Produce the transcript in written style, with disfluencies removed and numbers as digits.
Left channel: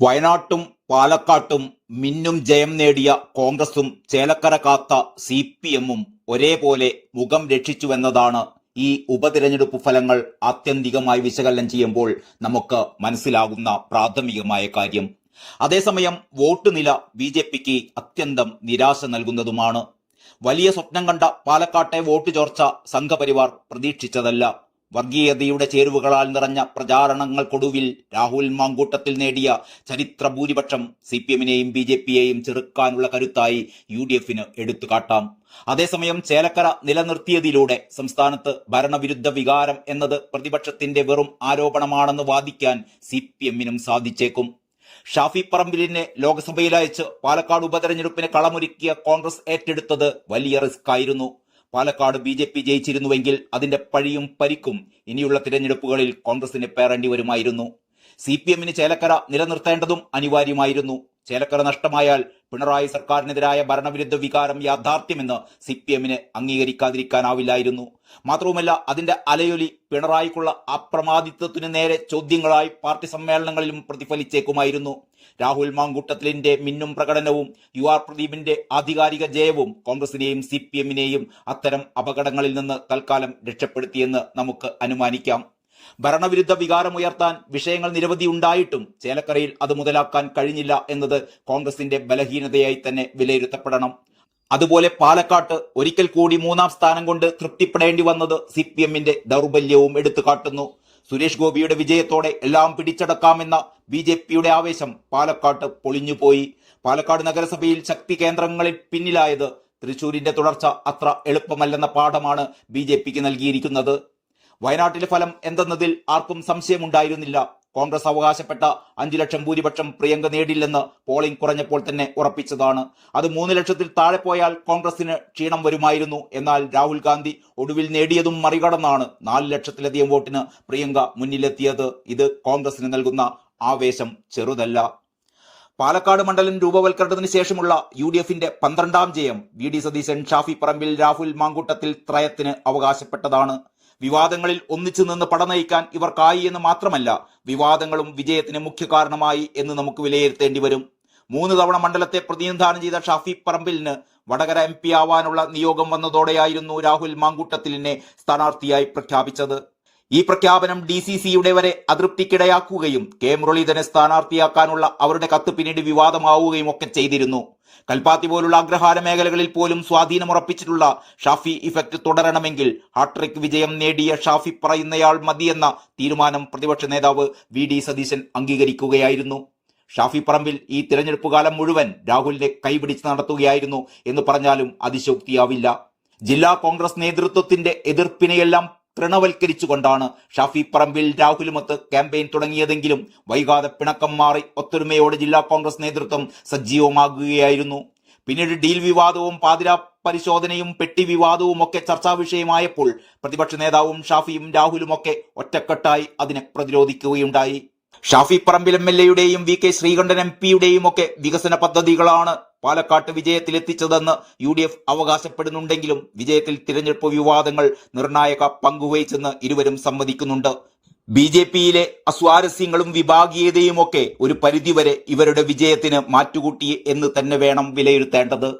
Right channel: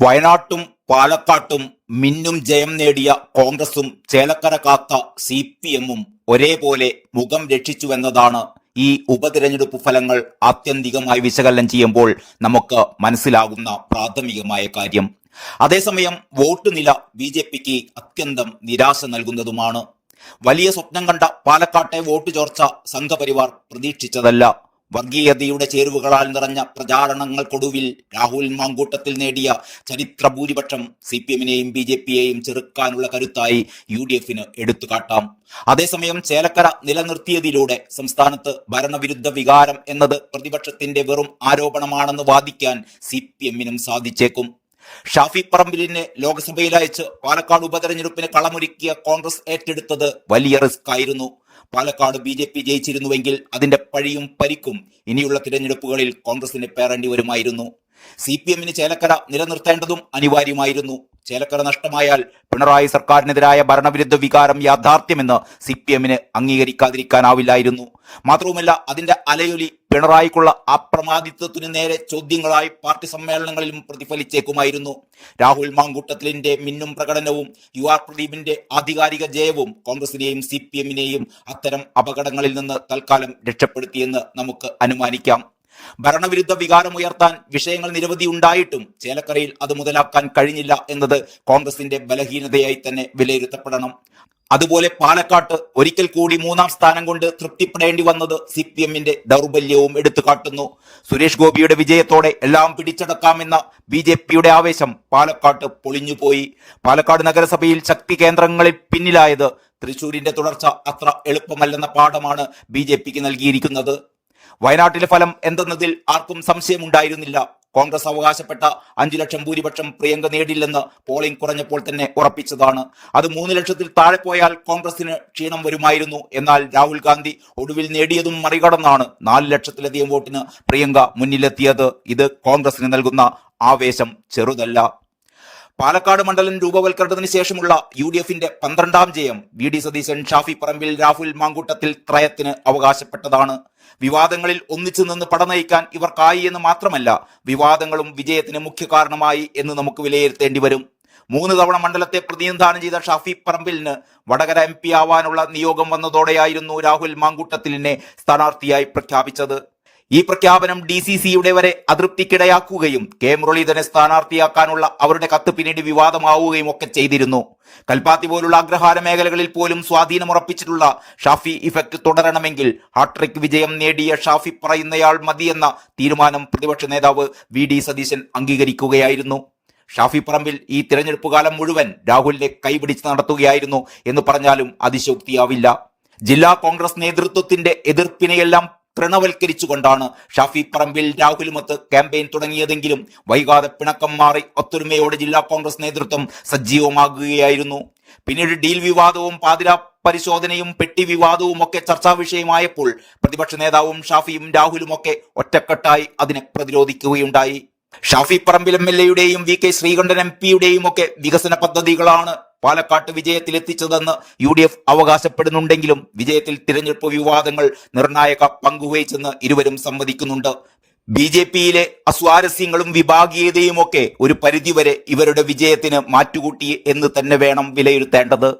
വയനാട്ടും പാലക്കാട്ടും മിന്നും ജയം നേടിയ കോൺഗ്രസും ചേലക്കര കാത്ത CPM-ഉം ഒരേപോലെ മുഖം രക്ഷിച്ചുവെന്നതാണ് ഈ ഉപതിരഞ്ഞെടുപ്പ് ഫലങ്ങൾ ആത്യന്തികമായി വിശകലനം ചെയ്യുമ്പോൾ നമുക്ക് മനസ്സിലാകുന്ന പ്രാഥമികമായ കാര്യം. അതേസമയം വോട്ട് നില BJPക്ക് അത്യന്തം നിരാശ നൽകുന്നതുമാണ്. വലിയ സ്വപ്നം കണ്ട പാലക്കാട്ടെ വോട്ട് ചോർച്ച സംഘപരിവാർ പ്രതീക്ഷിച്ചതല്ല. വർഗീയതയുടെ ചേരുവകളാൽ നിറഞ്ഞ പ്രചാരണങ്ങൾക്കൊടുവിൽ രാഹുൽ മാങ്കൂട്ടത്തിൽ നേടിയ ചരിത്ര ഭൂരിപക്ഷം CPM-നെയും BJP-യെയും ചെറുക്കാനുള്ള കരുത്തായി UDF-ന് എടുത്തുകാട്ടാം. അതേസമയം ചേലക്കര നിലനിർത്തിയതിലൂടെ സംസ്ഥാനത്ത് ഭരണവിരുദ്ധ വികാരം എന്നത് പ്രതിപക്ഷത്തിന്റെ വെറും ആരോപണമാണെന്ന് വാദിക്കാൻ CPM-നും സാധിച്ചേക്കും. ഷാഫി പറമ്പിലിനെ ലോക്സഭയിൽ അയച്ച് പാലക്കാട് ഉപതെരഞ്ഞെടുപ്പിന് കളമൊരുക്കിയ കോൺഗ്രസ് ഏറ്റെടുത്തത് വലിയ റിസ്ക് ആയിരുന്നു. പാലക്കാട് BJP ജയിച്ചിരുന്നുവെങ്കിൽ അതിന്റെ പഴിയും പരിക്കും ഇനിയുള്ള തിരഞ്ഞെടുപ്പുകളിൽ കോൺഗ്രസിന് പേറേണ്ടി വരുമായിരുന്നു. CPM-ന് ചേലക്കര നിലനിർത്തേണ്ടതും അനിവാര്യമായിരുന്നു. ചേലക്കര നഷ്ടമായാൽ പിണറായി സർക്കാരിനെതിരായ ഭരണവിരുദ്ധ വികാരം യാഥാർത്ഥ്യമെന്ന് CPM-ന് അംഗീകരിക്കാതിരിക്കാനാവില്ലായിരുന്നു. മാത്രവുമല്ല, അതിന്റെ അലയൊലി പിണറായിക്കുള്ള അപ്രമാദിത്വത്തിനു നേരെ ചോദ്യങ്ങളായി പാർട്ടി സമ്മേളനങ്ങളിലും പ്രതിഫലിച്ചേക്കുമായിരുന്നു. രാഹുൽ മാങ്കൂട്ടത്തിലിന്റെ മിന്നും പ്രകടനവും UR പ്രദീപിന്റെ ആധികാരിക ജയവും കോൺഗ്രസിനെയും CPM-നെയും അത്തരം അപകടങ്ങളിൽ നിന്ന് തൽക്കാലം രക്ഷപ്പെടുത്തിയെന്ന് നമുക്ക് അനുമാനിക്കാം. ഭരണവിരുദ്ധ വികാരമുയർത്താൻ വിഷയങ്ങൾ നിരവധി ഉണ്ടായിട്ടും ചേലക്കരയിൽ അത് മുതലാക്കാൻ കഴിഞ്ഞില്ല എന്നത് കോൺഗ്രസിന്റെ ബലഹീനതയായി തന്നെ വിലയിരുത്തപ്പെടണം. അതുപോലെ പാലക്കാട്ട് ഒരിക്കൽ കൂടി 3-ാം സ്ഥാനം കൊണ്ട് തൃപ്തിപ്പെടേണ്ടി വന്നത് CPM-ന്റെ ദൗർബല്യവും എടുത്തു കാട്ടുന്നു. സുരേഷ് ഗോപിയുടെ വിജയത്തോടെ എല്ലാം പിടിച്ചടക്കാമെന്ന BJP-യുടെ ആവേശം പാലക്കാട്ട് പൊളിഞ്ഞുപോയി. പാലക്കാട് നഗരസഭയിൽ ശക്തി കേന്ദ്രങ്ങളിൽ പിന്നിലായത് തൃശൂരിന്റെ തുടർച്ച അത്ര എളുപ്പമല്ലെന്ന പാഠമാണ് BJPക്ക് നൽകിയിരിക്കുന്നത്. വയനാട്ടിലെ ഫലം എന്തെന്നതിൽ ആർക്കും സംശയമുണ്ടായിരുന്നില്ല. കോൺഗ്രസ് അവകാശപ്പെട്ട 5 ലക്ഷം ഭൂരിപക്ഷം പ്രിയങ്ക നേടില്ലെന്ന് പോളിംഗ് കുറഞ്ഞപ്പോൾ തന്നെ ഉറപ്പിച്ചതാണ്. അത് 3 ലക്ഷത്തിൽ താഴെ പോയാൽ കോൺഗ്രസിന് ക്ഷീണം വരുമായിരുന്നു. എന്നാൽ രാഹുൽ ഗാന്ധി ഒടുവിൽ നേടിയതും മറികടന്നാണ് 4 ലക്ഷത്തിലധികം വോട്ടിന് പ്രിയങ്ക മുന്നിലെത്തിയത്. ഇത് കോൺഗ്രസിന് നൽകുന്ന ആവേശം ചെറുതല്ല. പാലക്കാട് മണ്ഡലം രൂപവൽക്കരണത്തിന് ശേഷമുള്ള UDF-ന്റെ 12-ാം ജയം VD സതീശൻ, ഷാഫി പറമ്പിൽ, രാഹുൽ മാങ്കൂട്ടത്തിൽ ത്രയത്തിന് അവകാശപ്പെട്ടതാണ്. വിവാദങ്ങളിൽ ഒന്നിച്ചു നിന്ന് പടനയിക്കാൻ ഇവർക്കായി എന്ന് മാത്രമല്ല, വിവാദങ്ങളും വിജയത്തിന് മുഖ്യ കാരണമായി എന്ന് നമുക്ക് വിലയിരുത്തേണ്ടി വരും. 3 തവണ മണ്ഡലത്തെ പ്രതിനിധാനം ചെയ്ത ഷാഫി പറമ്പിലിന് വടകര MP ആവാനുള്ള നിയോഗം വന്നതോടെയായിരുന്നു രാഹുൽ മാങ്കൂട്ടത്തിലിനെ സ്ഥാനാർത്ഥിയായി പ്രഖ്യാപിച്ചത്. ഈ പ്രഖ്യാപനം DCCയുടെ വരെ അതൃപ്തിക്കിടയാക്കുകയും K മുരളീധരനെ സ്ഥാനാർത്ഥിയാക്കാനുള്ള അവരുടെ കത്ത് പിന്നീട് വിവാദമാവുകയും ഒക്കെ ചെയ്തിരുന്നു. കൽപ്പാത്തി പോലുള്ള അഗ്രഹാര മേഖലകളിൽ പോലും സ്വാധീനമുറപ്പിച്ചിട്ടുള്ള ഷാഫി ഇഫക്റ്റ് തുടരണമെങ്കിൽ ഹാട്രിക് വിജയം നേടിയ ഷാഫി പറയുന്നയാൾ മതിയെന്ന തീരുമാനം പ്രതിപക്ഷ നേതാവ് VD സതീശൻ അംഗീകരിക്കുകയായിരുന്നു. ഷാഫി പറമ്പിൽ ഈ തിരഞ്ഞെടുപ്പ് കാലം മുഴുവൻ രാഹുലിനെ കൈപിടിച്ച് നടത്തുകയായിരുന്നു എന്ന് പറഞ്ഞാലും അതിശോക്തിയാവില്ല. ജില്ലാ കോൺഗ്രസ് നേതൃത്വത്തിന്റെ എതിർപ്പിനെയെല്ലാം തൃണവൽക്കരിച്ചുകൊണ്ടാണ് ഷാഫി പറമ്പിൽ രാഹുലുമൊത്ത് ക്യാമ്പയിൻ തുടങ്ങിയതെങ്കിലും വൈകാതെ പിണക്കം മാറി ഒത്തൊരുമയോടെ ജില്ലാ കോൺഗ്രസ് നേതൃത്വം സജീവമാകുകയായിരുന്നു. പിന്നീട് ഡീൽ വിവാദവും പാതിരാ പരിശോധനയും പെട്ടി വിവാദവും ഒക്കെ ചർച്ചാ വിഷയമായപ്പോൾ പ്രതിപക്ഷ നേതാവും ഷാഫിയും രാഹുലും ഒക്കെ ഒറ്റക്കെട്ടായി അതിനെ പ്രതിരോധിക്കുകയുണ്ടായി. ഷാഫി പറമ്പിൽ MLA-യുടെയും VK ശ്രീകണ്ഠൻ MP-യുടെയും ഒക്കെ വികസന പദ്ധതികളാണ് പാലക്കാട്ട് വിജയത്തിലെത്തിച്ചതെന്ന് UDF അവകാശപ്പെടുന്നുണ്ടെങ്കിലും വിജയത്തിൽ തിരഞ്ഞെടുപ്പ് വിവാദങ്ങൾ നിർണായക പങ്കുവഹിച്ചെന്ന് ഇരുവരും സമ്മതിക്കുന്നുണ്ട്. BJP-യിലെ അസ്വാരസ്യങ്ങളും വിഭാഗീയതയും ഒക്കെ ഒരു പരിധിവരെ ഇവരുടെ വിജയത്തിന് മാറ്റുകൂട്ടി എന്ന് തന്നെ വേണം വിലയിരുത്തേണ്ടത്.